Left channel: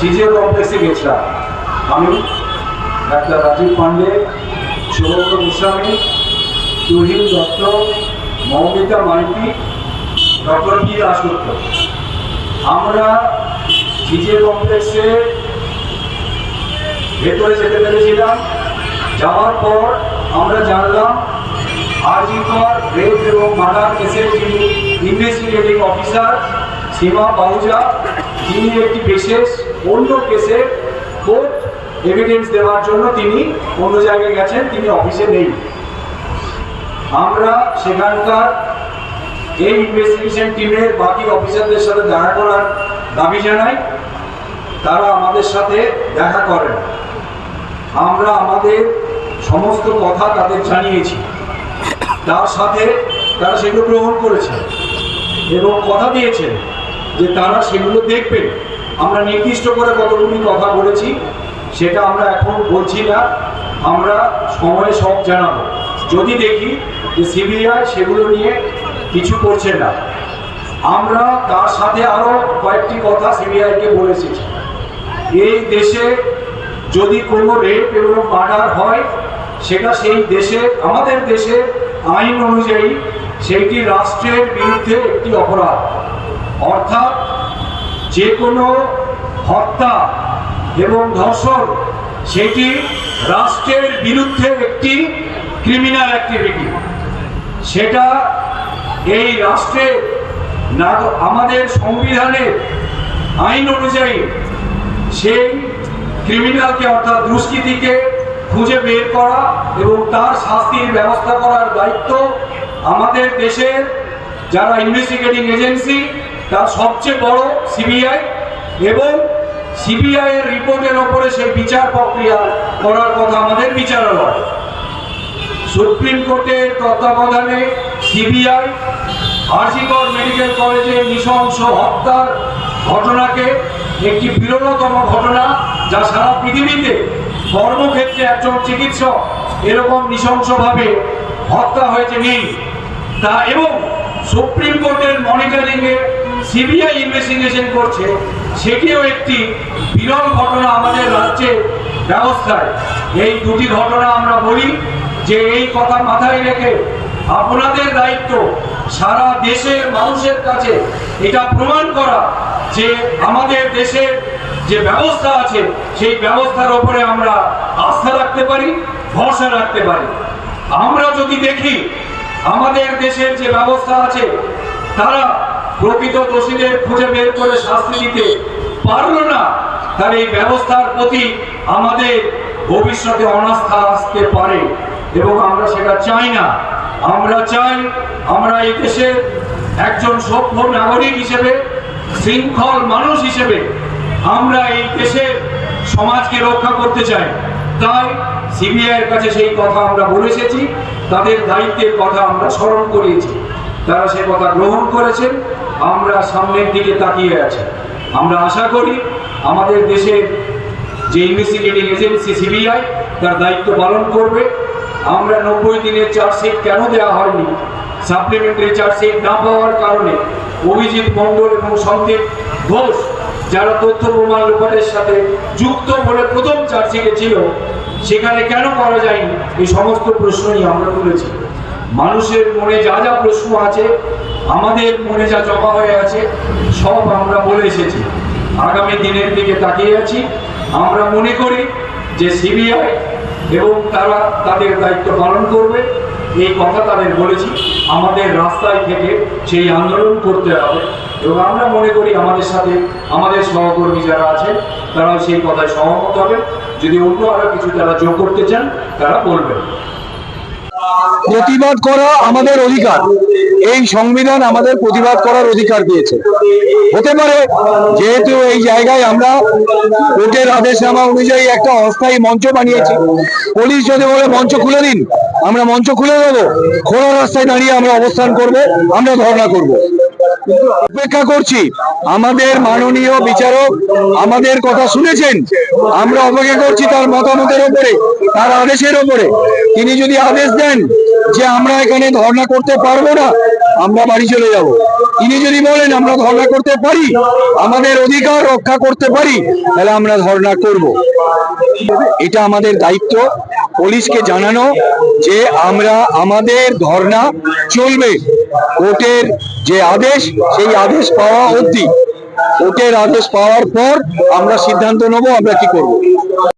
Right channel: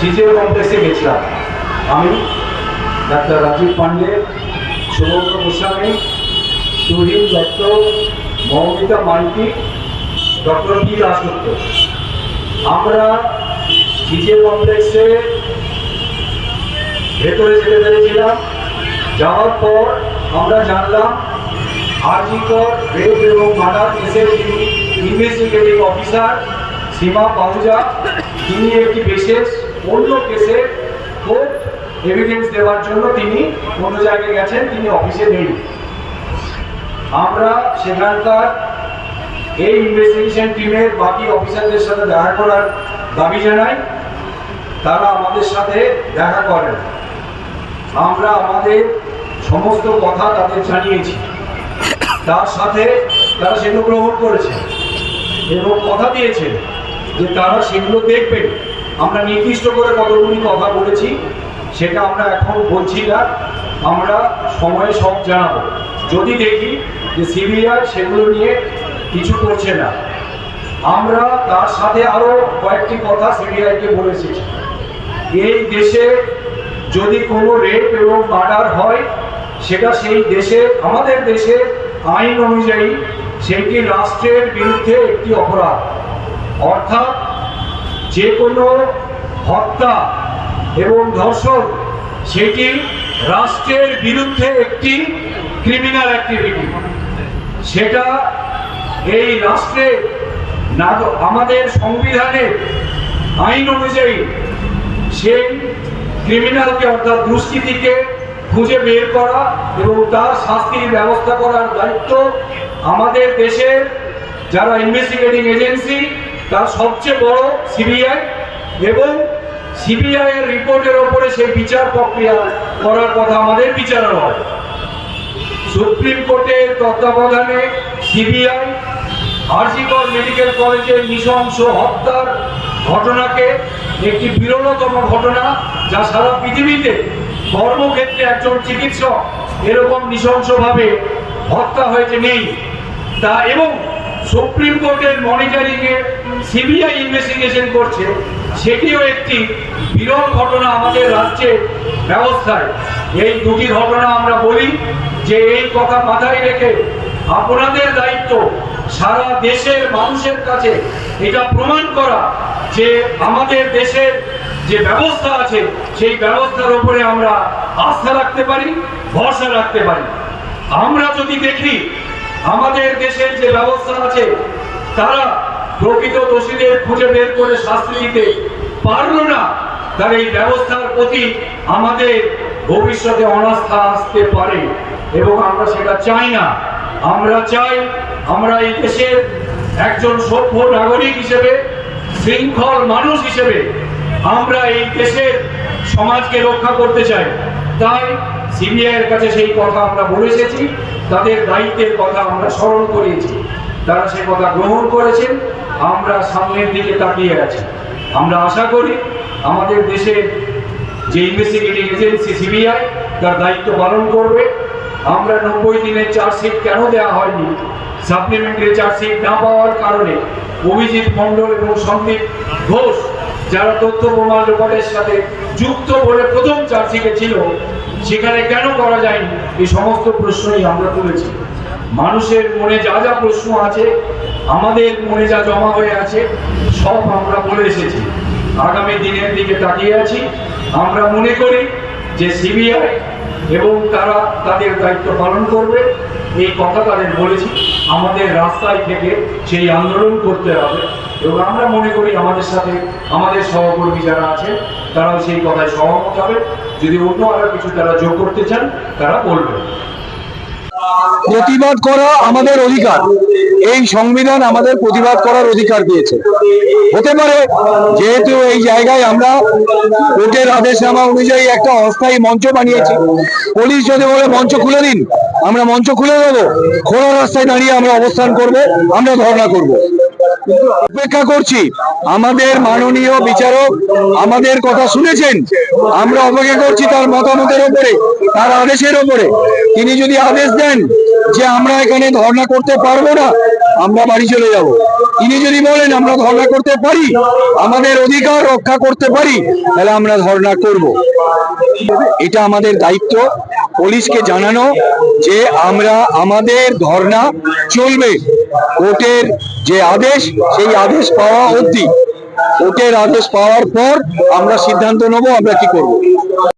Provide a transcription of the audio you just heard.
CGO কমপ্লেক্সে গেছিলাম আমি ডাক্তার রাজীব পান্ডে সুব্রত গোস্বামী তুহিন দত্ত, মৌমিতা মাইতি, ডক্টর পি দাসগুপ্ত আমরা সিজিও কমপ্লেক্সে ভেতরে যেতে পেরেছিলাম। যাওয়ার পর আমরা জানলাম আরজিকর রেপ এবং মার্ডার কেসের যিনি ইনভেস্টিগেটিং অফিসার সীমা পাহুজা, তিনি একটি বিশেষ অন্য কেসে কোর্ট এভিডেন্স দেওয়ার জন্য তিনি অন্য জায়গায় গেছেন, তিনি অফিসে নেই। আমরা সেখানকার এই ইনভেস্টিগেশন টিমের বাকি অফিসারদের সাথে দেখা করার দাবি জানাই। তারা আমাদের সাথে দেখা করেন। আমরা আমাদের সমস্ত কথা তাদের জানিয়েছি। তার সাথে তারা সেগুলো গ্রহণ করেছে এবং কথা দিয়েছে যে তারা সেগুলো দেখবেন। আমরা নির্দিষ্ট করে কতগুলি কথা বলেছি, সেটা আমরা এখন বলছি না। আমরা সময় সব জানাব। যদি দেখি যে সিবিআই সেগুলো নিয়ে কিছু করছে না, আমরা তার সাথে আরও কয়েকটি কথা সিবিআইকে বলেছি। এই দেশে যদি কোনো রেপ এবং মার্ডার হয়, সেটা সেই দেশে, আমাদের দেশে আইন অনুযায়ী সেইটি রাষ্ট্রের বিরুদ্ধে একটি অপরাধ। অর্থাৎ যে কোনো হত্যা এবং ধর্ষণ, সেটি রাষ্ট্রের বিরুদ্ধে একটি ক্রিমিনাল অ্যাক্টিভিটি সেটা এই রাষ্ট্রে না আমাদের সংবিধানের আইন অনুযায়ী সেই ক্রিমিনালকে অর্থাৎ দুষ্কৃতীকে খুঁজে বের করা এবং তার শাস্তির ব্যবস্থা করার দায়িত্ব আমাদের দেশের যারা ইনভেস্টিগেটিং এজেন্সি তার সবচেয়ে বড় সিবিআই এবং সিবিআই এর রিপোর্টের ওপরে সেই বিচার প্রক্রিয়া করার কথা আমাদের বিচারালয় সুপ্রিম কোর্টের তত্ত্বাবধানে সিবিআই, আরজিকর মেডিকেল কলেজে নৃশংস হত্যার ঘটনাকে একটি বিরলতম ঘটনা যা সারা পৃথিবীতে কর্মক্ষেত্রে একজন চিকিৎসক এরকম নৃশংসভাবে হত্যা হয়েছে নেই। তা এবং সুপ্রিম কোর্টের মনিটরিংয়ে সিবিআই ইনভেস্টিগেশন করছে, সেটিও একটি বিরল ঘটনা আমাদের রাজ্যের ব্যবস্থায়। এই দুটি ঘটনা আমরা বলি যে এই কথা মাথায় রেখে আপনাদের দায়িত্ব সারা দেশের মানুষের কাছে এটা প্রমাণ করা যে আমাদের দেশের যে ব্যবস্থা আছে, সেই ব্যবস্থার উপরে আমরা আস্থা রাখতে পারি, ভরসা রাখতে পারি। আমরা যদি দেখি আমাদের দেশের যে ব্যবস্থা আছে, তারা প্রকৃত দোষীদের খুঁজে বের করে শাস্তি দিতে পারল না তার এই ব্যবস্থার প্রতি আমাদের ভবিষ্যতে অনাস্থা আসতে পারে এবং আমরা সেটা চাই না। আমরা চাই আমরা এই দেশের একজন সভ্য নাগরিক হিসেবে, শৃঙ্খল মানুষ হিসেবে আমরা এই দেশের সমাজকে রক্ষা করতে চাই। তাই সিবিআইয়ের কাছে সেই কথা আমরা বলে এসেছি, তাদের দায়িত্বের কথা আমরা স্মরণ করিয়েছি। তারা সে কথা গ্রহণ করেছেন। আমরা সামনের দিকে তাকিয়ে আছি। আমরা আশা করি আমাদের দেশের যে ইনভেস্টিগেটিং এজেন্সি সিবিআই তার দায়িত্ব পালন করবে। আমরা নব্বই দিনের চার্জশিট কেন দেওয়া হয়নি? সাপ্লিমেন্টারি চার্জশিট না পাওয়ার কারণে অভিজিৎ মণ্ডল এবং সন্দীপ ঘোষ যারা তথ্য প্রমাণ লোপারের সাথে যুক্ত বলে প্রথম চার্জশিটে ছিল, সেখানে কেন করা যায়নি? এই সমস্ত প্রশ্নই আমরা তুলেছি। মানুষের মনে যা যা প্রশ্ন আছে আমাদের মনে যা জমা হয়ে আছে, সব আমরা বলে এসেছি। আগামী দিনের দিকে তাকিয়ে আছি। আমরা মনে করি যে সিবিআই এবং তারা তাদের দায়িত্ব পালন করবে। এই কথা তাদের বলেছি। আমাদের রাস্তায় থেকে সেই আন্দোলন করতে হবে এবং আমরা মনে করি আমাদের সাথে আমাদের সহকর্মী যারা আছেন তারা সেই কথায় সহমত হবে। যদি অন্য আরও কিছু তারা যোগ করতে চান, তারা বলবেন। প্রতিবাদ করা আমাদের অধিকার। এই সংবিধান আমাদের প্রতিবাদ করার অধিকার দিয়েছে। হতে পারে যেহেতু এই জায়গায় আমরা কোর্টের আদেশনামা অনুযায়ী একটা অস্থায়ী মঞ্চ বানিয়েছি। পুলিশ যদি বলে, মঞ্চ খুলে দিন, আমরা মঞ্চ খুলে দেবো। খোলা রাস্তায় দাঁড়িয়ে আমরা অবস্থান করব, আমরা ধর্ণা করব। অপেক্ষা করছি। আমাদের মাননীয় বিচারক আমাদের কথা শুনেছেন। আমরা অপেক্ষা করছি তার মতামতের উপরে তার আদেশের উপরে তিনি যদি আদেশ দেন যে আমরা এখানে ধর্ণা করতে পারব না, আমরা বাড়ি চলে যাব। তিনি যদি বলেন আমরা ধর্ণা করতে পারি, আমাদের অধিকার রক্ষা করতে পারি, তাহলে আমরা ধর্ণা করব। এটা আমাদের দায়িত্ব। পুলিশকে জানানো যে আমরা, আমাদের ধর্ণা চলবে। কোর্টের যে আদেশ, সেই আদেশ পাওয়া অবধি, কোর্টের আদেশ পাওয়ার পর আমরা সিদ্ধান্ত নেব আমরা কি করব।